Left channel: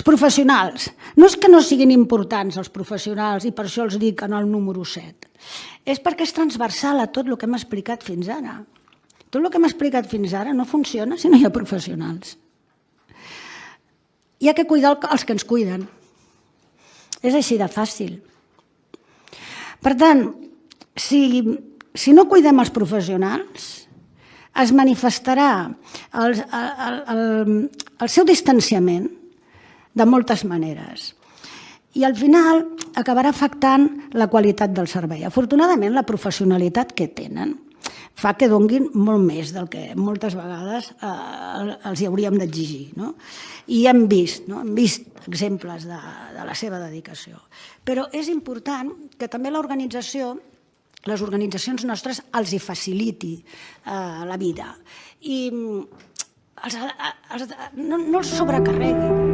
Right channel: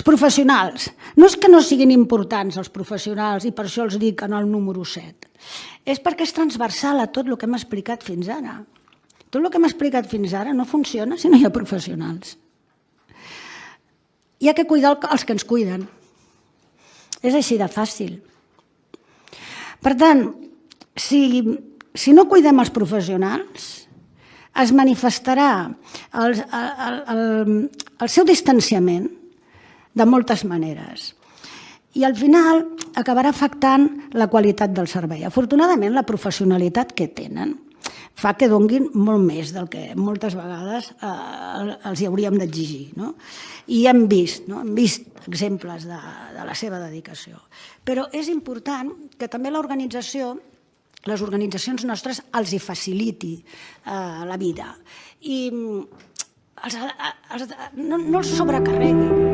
Els professionals. No és que no siguin importants els professionals i per això els dic en el número 7. És perquè és transversal a tot el que hem explicat fins ara. Tot el que hem explicat fins ara no funciona si no hi ha professionals. Hi ha que cuidar els que ens cuiden. És així de fàcil. Per tant, si no cuidem els professionals, es manifestarà el seu distanciament de moltes maneres. I al final acabarà afectant la qualitat del servei. Afortunadament, la professionalitat que tenen fa que donguin molt més del que moltes vegades els hi hauríem d'exigir. I hem vist exemples de la seva dedicació. Però és important que també l'organització, les organitzacions nostres, els hi faciliti la vida. I no els sobrecarreguin.